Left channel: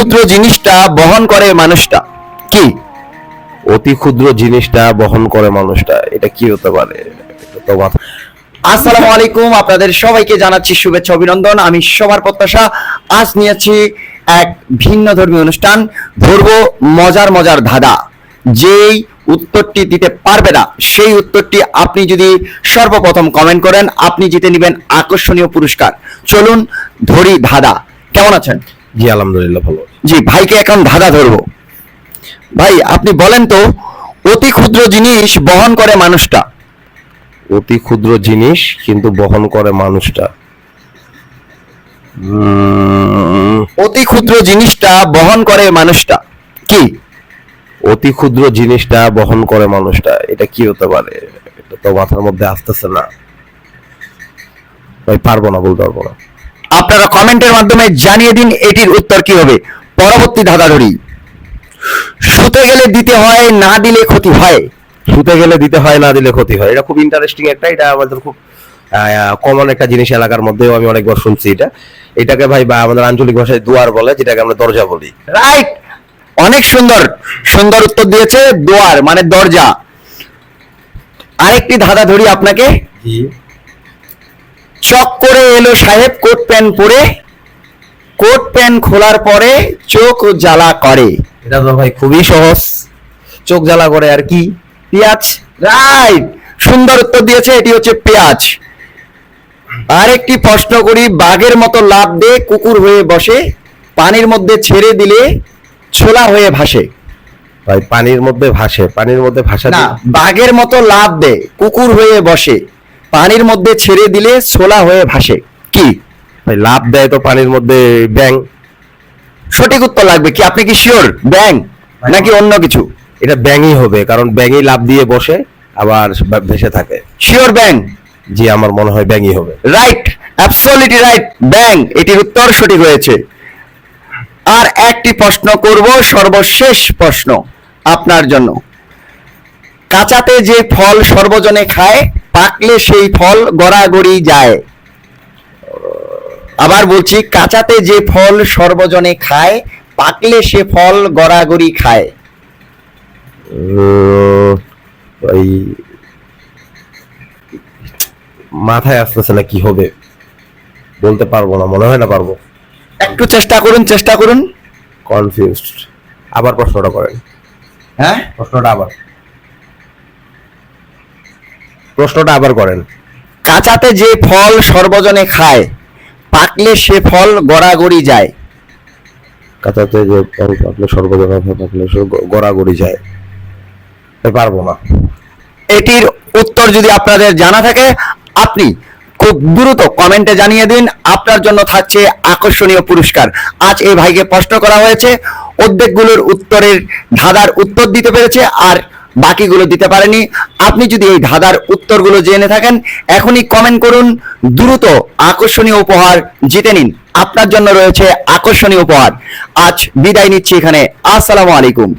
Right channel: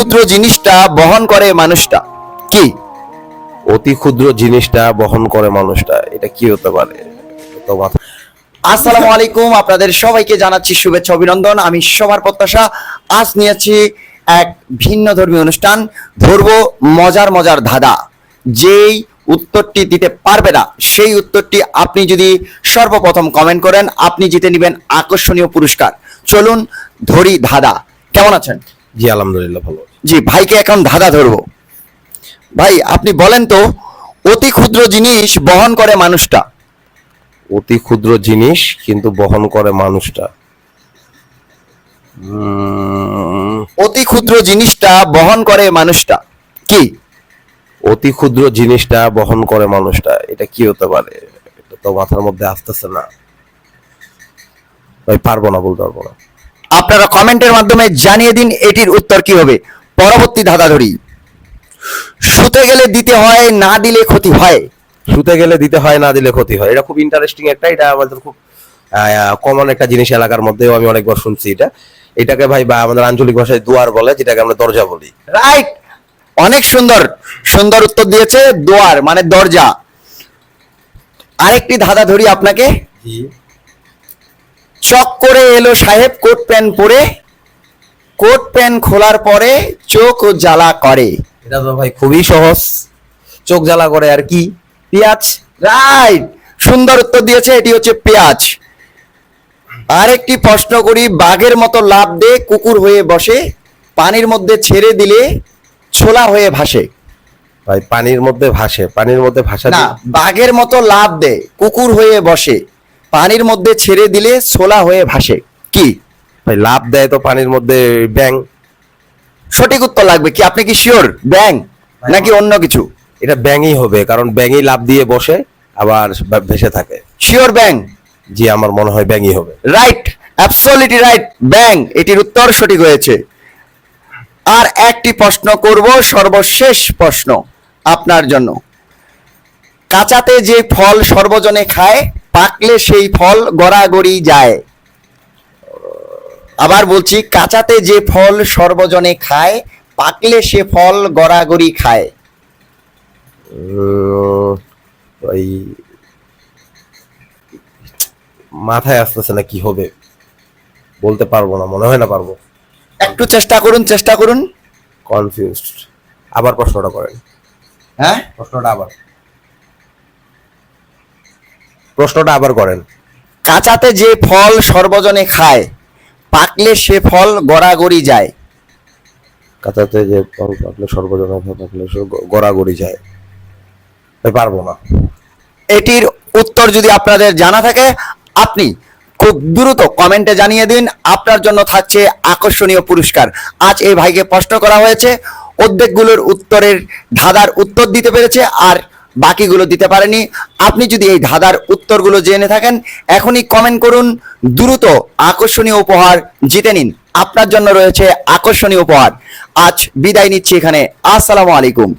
ক্ষুদ্র জিনিসটা বহন করে মানুষটা। কি? অতি ক্ষুদ্র জিনিসটা বহন করে মানুষটা, এটা কি হতে পারে? এটা আসসালামু আলাইকুম, আপনাদের সবাইকে জানাচ্ছি শুভেচ্ছা, অভিনন্দন। আমি সবার প্রত্যাশা, আজ নিয়েছি এক ভিন্ন ধর্মীয় অনুষ্ঠান, ধরবো মজার মজার ধাঁধা। যেই উত্তরটি দিতে পারবে না, সেই উত্তরটি আপনি যদি সর্বপ্রথম কমেন্ট করেন, আপনি জিতে নেবেন আকর্ষণীয় পুরস্কার। চলুন ধরি ধাঁধা। কেমন আছেন? জি আলহামদুলিল্লাহ ভালো জি ভাইকে এখন ধাঁধা ধরবো। ভাই আপনি বলেন তো অতি ক্ষুদ্র জিনিস বহন করে মানুষটা। অতি ক্ষুদ্র জিনিস কিন্তু বহন করে মানুষটা। উম, অতি ক্ষুদ্র জিনিসটা বহন করে মানুষটা। কি? অতি ক্ষুদ্র জিনিসটা বহন করে মানুষটা এটা কি হতে পারে? এটা তো মাথার মধ্যে আসতেছে না। আমি পারব না বলতে পারব না। আপনারা কমেন্টের মাধ্যমে জানিয়ে দিন এটির উত্তর কি হবে। পরবর্তী ধাঁধা ধরি। শুতে গেলে দিতে হয় না দিলে ক্ষতি হয়। শুতে গেলে দিতে হয় না দিলে ক্ষতি হয়। এটা খুব ইন্টারেস্টিং একটা এটা আমাদের খুব কমন একটা জিনিস এলাকার মধ্যেও আমি অনেকবার শুনছি এটা। এটাকে ভাই বা আমাদের আঞ্চলিক ভাষায় দুয়ার বলে যেটাকে আমরা দরজা বলি। রাইট অনেক সুন্দর সুন্দর উত্তর দিয়েছে দোয়ার মানে দরজা। আরেকটি ধাঁধা ধরি আপনাকে। চক করে এলো সাহেব কোট প্যান্ট পরে। কোট প্যান্ট খোলার পরে চোখ জ্বালা করে। এটা তো ভাই খুবই সহজ। চোখ জ্বালা করে আর কি? পেঁয়াজ? রাইট। সুন্দর উত্তর দিয়েছে এটি হচ্ছে পেঁয়াজ। আরেকটি প্রশ্ন করি বাঘের মতো লাভ দে কুকুর হয়ে বসে পানির মধ্যে ছেড়ে দিলে ছোলা হয়ে ভাসে। ভাই পানির মধ্যে ভাসে পানির মধ্যে ভাসা না বাঘের মতো লাভ দে কুকুর হয়ে বসে। পানির মধ্যে ছেড়ে দিলে ছোলা হয়ে ভাসে। কি? লাভ দেয় তো পানির মধ্যে ব্যাং। সঠিক উত্তর লাগবে কি? আপনি কি শিওর ব্যাং? নাকি অন্য কিছু? এটা ব্যাঙই হবে কারণ ব্যাঙই লাভ দিয়ে বসে আবার ভেসে থাকে। শিওর ব্যাং? জি আমার মনে হয় ব্যাঙই হবে। রাইট অ্যাবসলিউটলি রাইট ব্যাং এটির উত্তর সঠিক হয়েছে। আর একটি প্রশ্ন করব সর্বশেষ প্রশ্ন আপনার জন্য। কাঁচাতে যে ফল সর্বজনে খায় পাকলে সেই ফল গড়াগড়ি যায়। আবার বলছি কাঁচাতে যে ফল সর্বজনে খায় পাকলে সে ফল গড়াগড়ি খায়। ওই মাথায় আসতেছে না কি হবে? বলতে পারব না মনে হয় না পারব। একটু চেষ্টা করুন চেষ্টা করুন। কনফিউজড আবার প্রশ্নটা করেন। হ্যাঁ? প্রশ্নটা আবার। প্রশ্নটা আবার করেন। কাঁচাতে যে ফল সর্বজনে খায় পাকলে সে ফল গড়াগড়ি যায়। কাঁচাতে যে ফল পাকলে সর্বজনা পাকলে সে গড়াগড়ি যায়। পারব না। এটির উত্তর যদি আপনাদের জানা থাকে আপনি খুব দ্রুত কমেন্টে জানিয়ে দিন। আপনার জন্য থাকছে আকর্ষণীয় পুরস্কার। আজ এই ভাইকে প্রশ্ন করা হয়েছে অর্ধেকগুলোর উত্তরের ধাঁধার উত্তর দিতে পেরেছে আর বাকিগুলো দিতে পারেনি। আপনি যদি এই ধাঁধার উত্তরগুলো জেনে থাকেন, এখনই কমেন্ট করুন। দ্রুত আকর্ষণীয় উপহার জিতে নিন। আপনার জন্য রয়েছে আকর্ষণীয় উপহার। আজ বিদায় নিচ্ছি এখানে। আসসালামু আলাইকুম।